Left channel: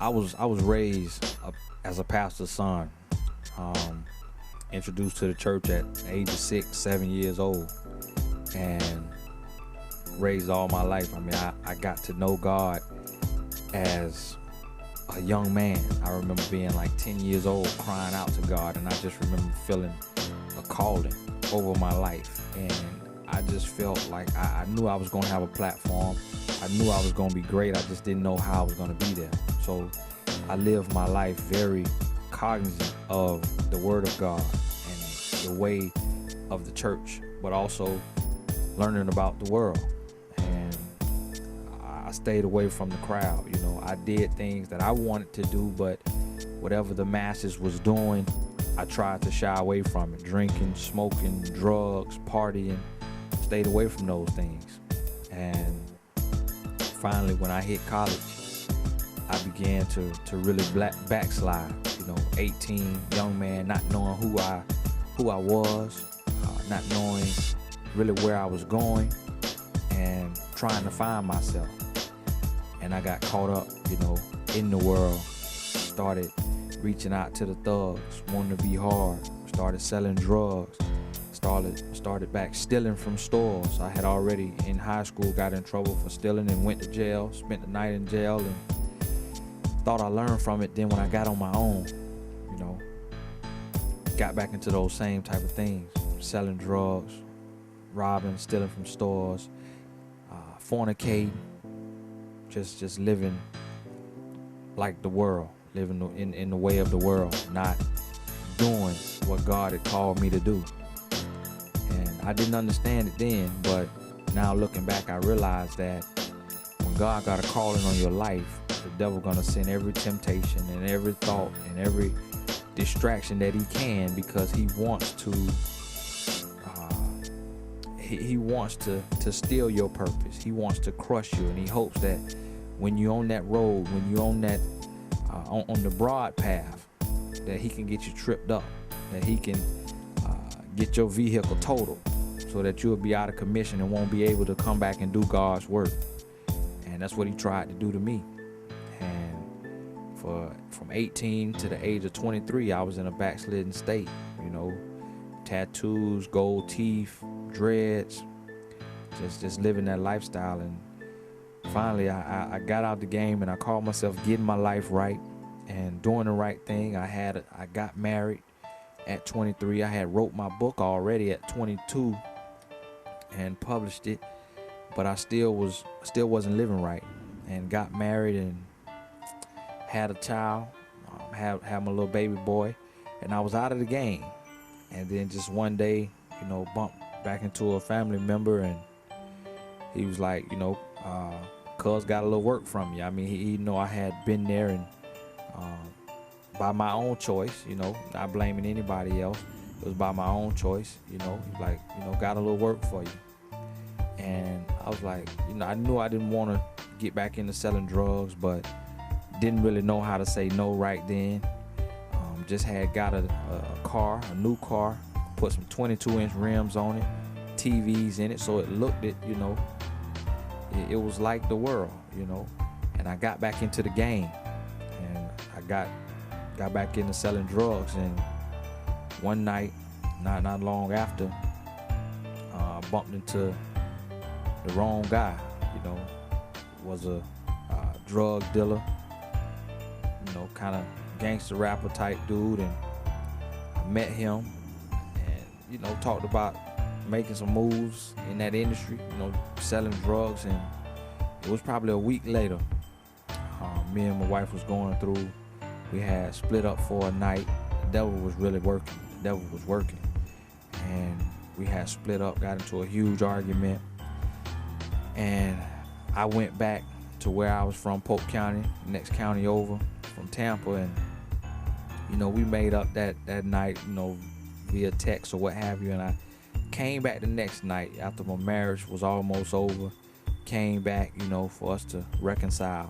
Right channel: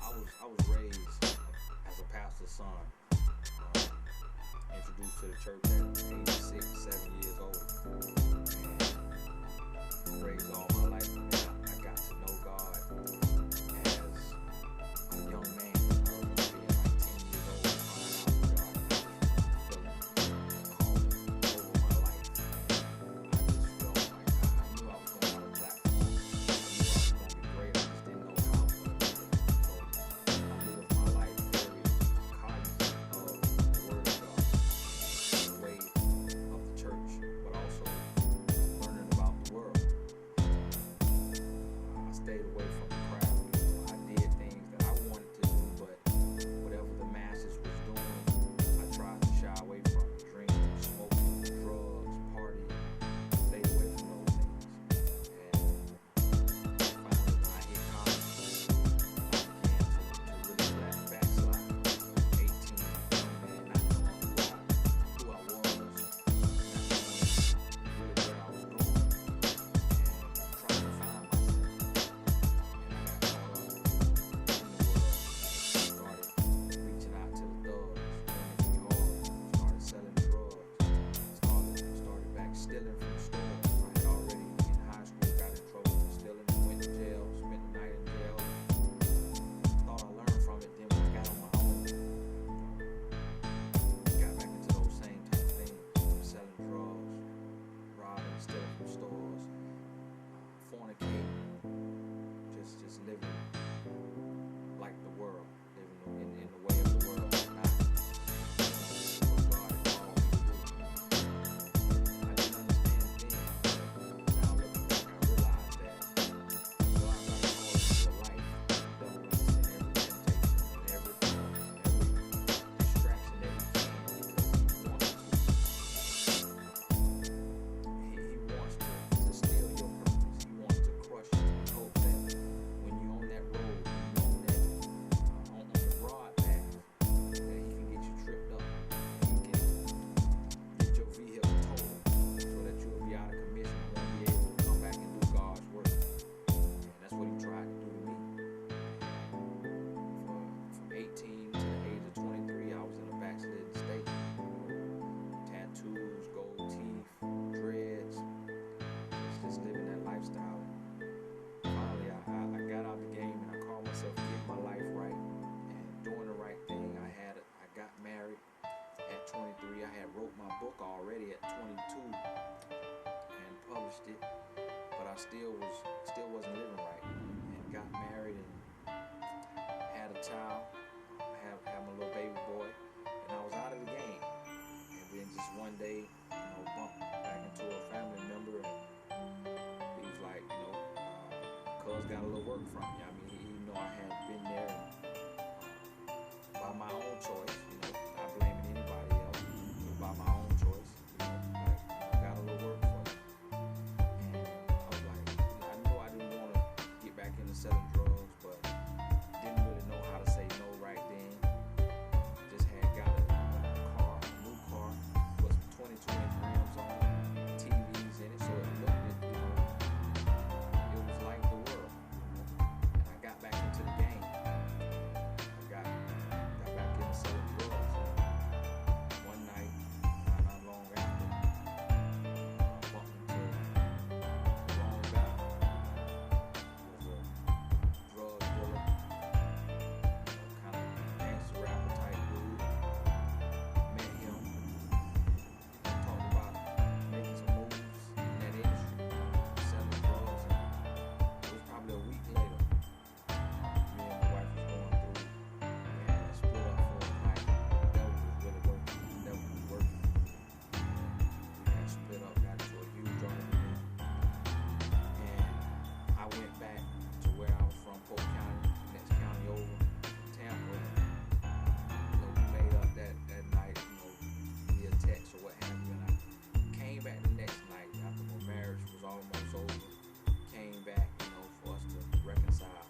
I was raised as a pastor's son. Um, Introduced to the church at the age of 6, 7 years old, and raised all my life. I mean, I got to know God as a young man. I remember being like 10 years old, crying out to God, and I just remember feeling a calling over my life. And I just felt like I knew I was going to have a platform. I knew I was going to be great. I just didn't know how I was going to be there. So I lived my life very cognizant of the Word of God and the way of the church, but also learning about the world. And I stayed away from the crowd. You know, I did things that I wanted to do, but whatever the masses was doing, I tried to shy away from it. Drinking, smoking, drugs, partying, stayed away from those things. And finally, when I hit college, I began to really backslide. You know, 18, young man, not knowing who I was, not knowing really where I was going, and trying to find myself. And I got caught up, you know, in the world. Started reaching out to the thugs, wanting to be hard. Started selling drugs. Started back stealing from stores. I had already in high school got in trouble for stealing and went to jail. Spent the night in jail and thought I learned from it. Then when I got on my own, you know, got back into those same type of things. Selling drugs, robbing, stealing from stores, fornicating, just living like the world, living in the way of the world, not doing what God had called me to do. And I didn't understand it then, but now looking back, I realized that when God got a calling on your life, the devil gonna send every temptation and every thought and every distraction that he can, because he wants to steal your purpose. He wants to crush you, and he hopes that when you're on that road, when you're on that on the broad path, that he can get you tripped up, that he can get your vehicle totaled, so that you'll be out of commission and won't be able to come back and do God's work. And that's what he tried to do to me. And from 18 to the age of 23, I was in a backslidden state. You know, tattoos, gold teeth, dreads, just living that lifestyle. And finally, I got out the game, and I called myself getting my life right and doing the right thing. I got married at 23. I had wrote my book already at 22 and published it, but I still wasn't living right. And got married and had a child, had my little baby boy, and I was out of the game. And then just one day, you know, bumped back into a family member, and he was like, you know, cuz got a little work from you. I mean, he know I had been there, and by my own choice, you know, not blaming anybody else. It was by my own choice, you know, like, you know, got a little work for you. And I was like, you know, I knew I didn't want to get back into selling drugs, but didn't really know how to say no right then. Just had got a new car, put some 22-inch rims on it, TVs in it, so it looked it, you know, it was like the world, you know. And I got back into the game, and I got back into selling drugs. And one night, not long after, I bumped into the wrong guy. You know, was a drug dealer, you know, kind of gangster rapper type dude, and met him, and, you know, talked about making some moves in that industry, you know, selling drugs. And it was probably a week later, me and my wife was going through. We had split up for a night. The devil was really working. And we had split up, got into a huge argument. And I went back to where I was from, Polk County, next county over from Tampa. And, you know, we made up that night, you know, via text or what have you. And I came back the next night after my marriage was almost over. Came back, you know, for us to reconcile.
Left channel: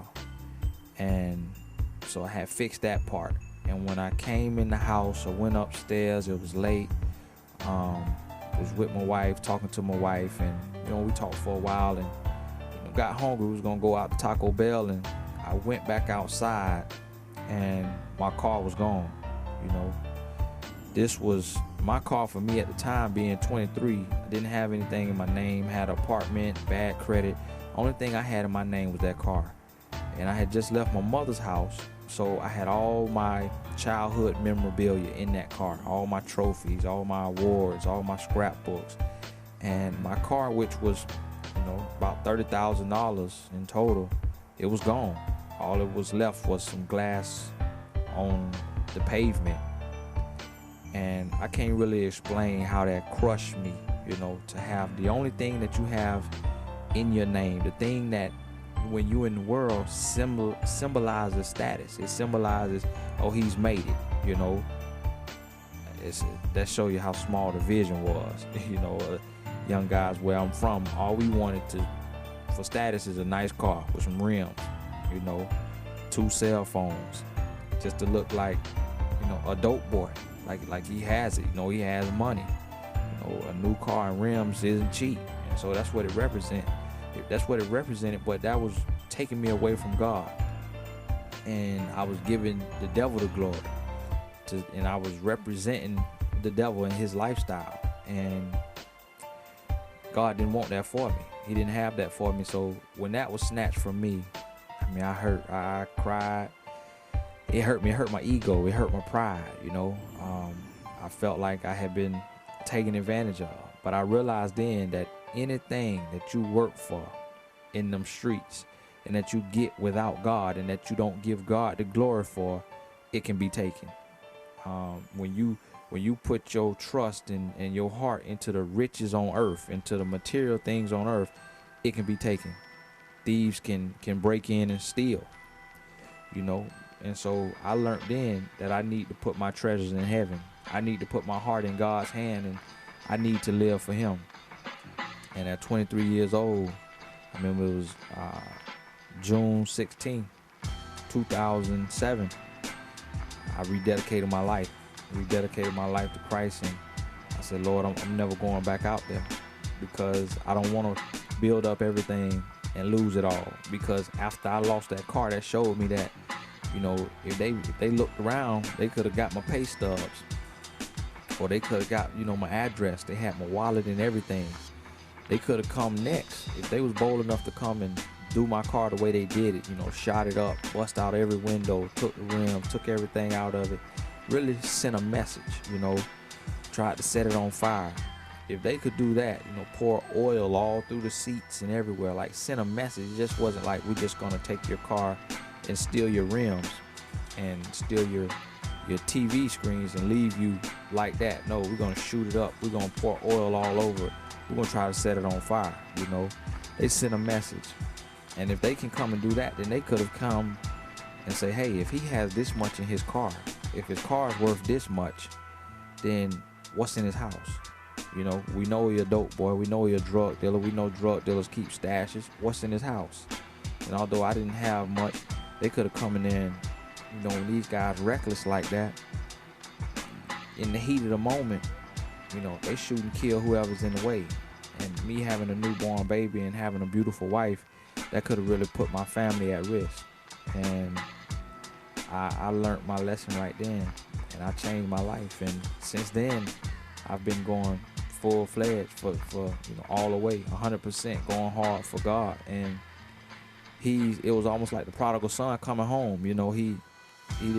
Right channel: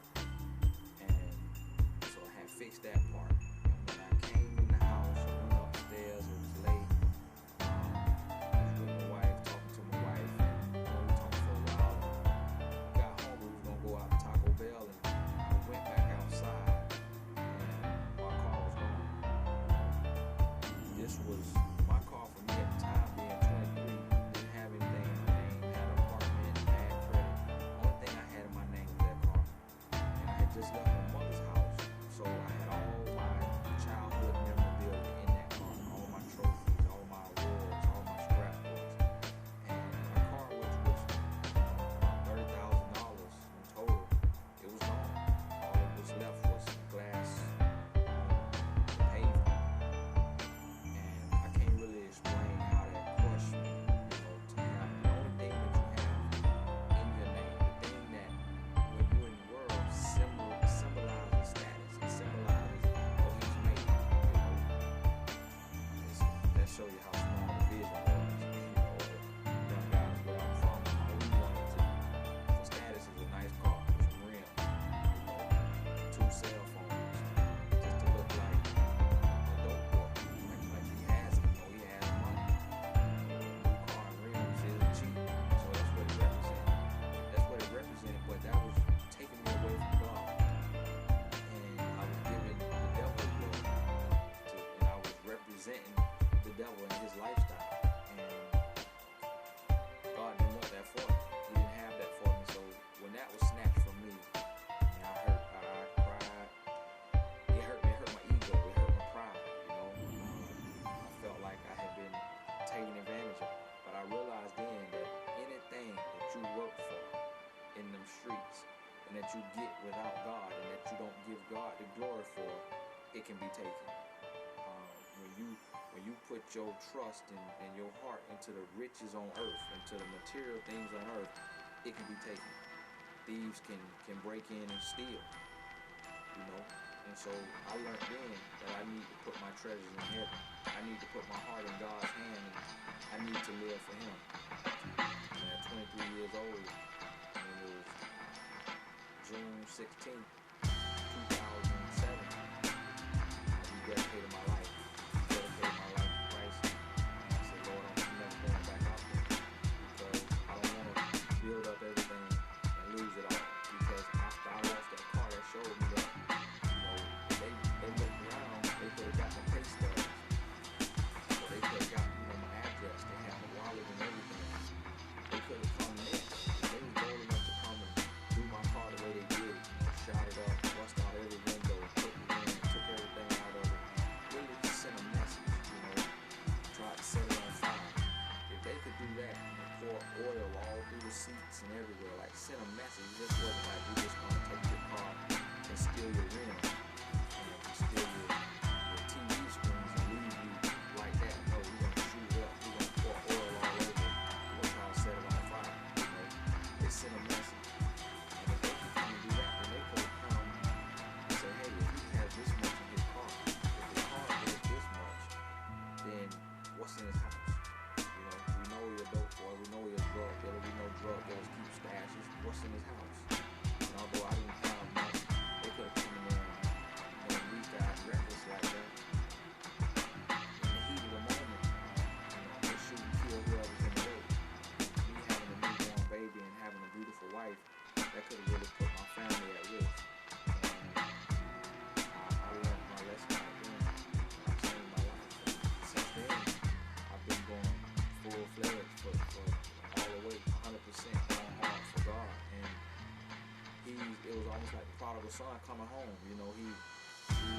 And so I had fixed that part. And when I came in the house, I went upstairs, it was late. I was with my wife, talking to my wife, and, you know, we talked for a while, and got hungry. We was gonna go out to Taco Bell, and I went back outside, and my car was gone. You know, this was my car for me at the time, being 23. Didn't have anything in my name, had an apartment, bad credit. Only thing I had in my name was that car. And I had just left my mother's house, so I had all my childhood memorabilia in that car, all my trophies, all my awards, all my scrapbooks. And my car, which was, about $30,000 in total, it was gone. All that was left was some glass on the pavement. And I can't really explain how that crushed me, to have the only thing that you have in your name, the thing that when you in the world symbolizes status. It symbolizes, oh, he's made it, that show you how small the vision was. Young guys where I'm from, all we wanted for status is a nice car with some rims, 2 cell phones, just to look like, a dope boy, like he has it, he has money. A new car and rims isn't cheap, so that's what it represents. That's what it represented, but that was taking me away from God, and I was giving the devil the glory, and I was representing the devil in his lifestyle, and God didn't want that for me. He didn't have that for me. So when that was snatched from me, I cried. It hurt me. It hurt my ego. It hurt my pride. I felt like I had been taken advantage of. But I realized then that anything that you work for in them streets and that you get without God and that you don't give God the glory for, it can be taken. When you put your trust and your heart into the riches on earth, into the material things on earth, it can be taken. Thieves can break in and steal, And so I learned then that I need to put my treasures in heaven. I need to put my heart in God's hand, and I need to live for him. And at 23 years old, I remember it was June 16, 2007, I rededicated my life. Rededicated my life to Christ, and I said, Lord, I'm never going back out there, because I don't want to build up everything and lose it all. Because after I lost that car, that showed me that, if they looked around, they could have got my pay stubs, or they could have got, my address. They had my wallet and everything. They could have come next if they was bold enough to come and do my car the way they did it. Shot it up, bust out every window, took the rim, took everything out of it. Really sent a message, tried to set it on fire. If they could do that, pour oil all through the seats and everywhere, like send a message. It just wasn't like, we're just gonna take your car and steal your rims and steal your TV screens and leave you like that. No, we're gonna shoot it up. We're gonna pour oil all over it. We're gonna try to set it on fire. They sent a message. And if they can come and do that, then they could have come and say, hey, if he has this much in his car, if his car is worth this much, then what's in his house? We know he's a dope boy. We know he's a drug dealer. We know drug dealers keep stashes. What's in his house? And although I didn't have much, they could have come in there and, when these guys reckless like that, in the heat of the moment, they shoot and kill whoever's in the way. And me having a newborn baby and having a beautiful wife, that could have really put my family at risk. And I learned my lesson right then, and I changed my life. And since then, I've been going full-fledged for all the way, 100% going hard for God. And it was almost like the prodigal son coming home. He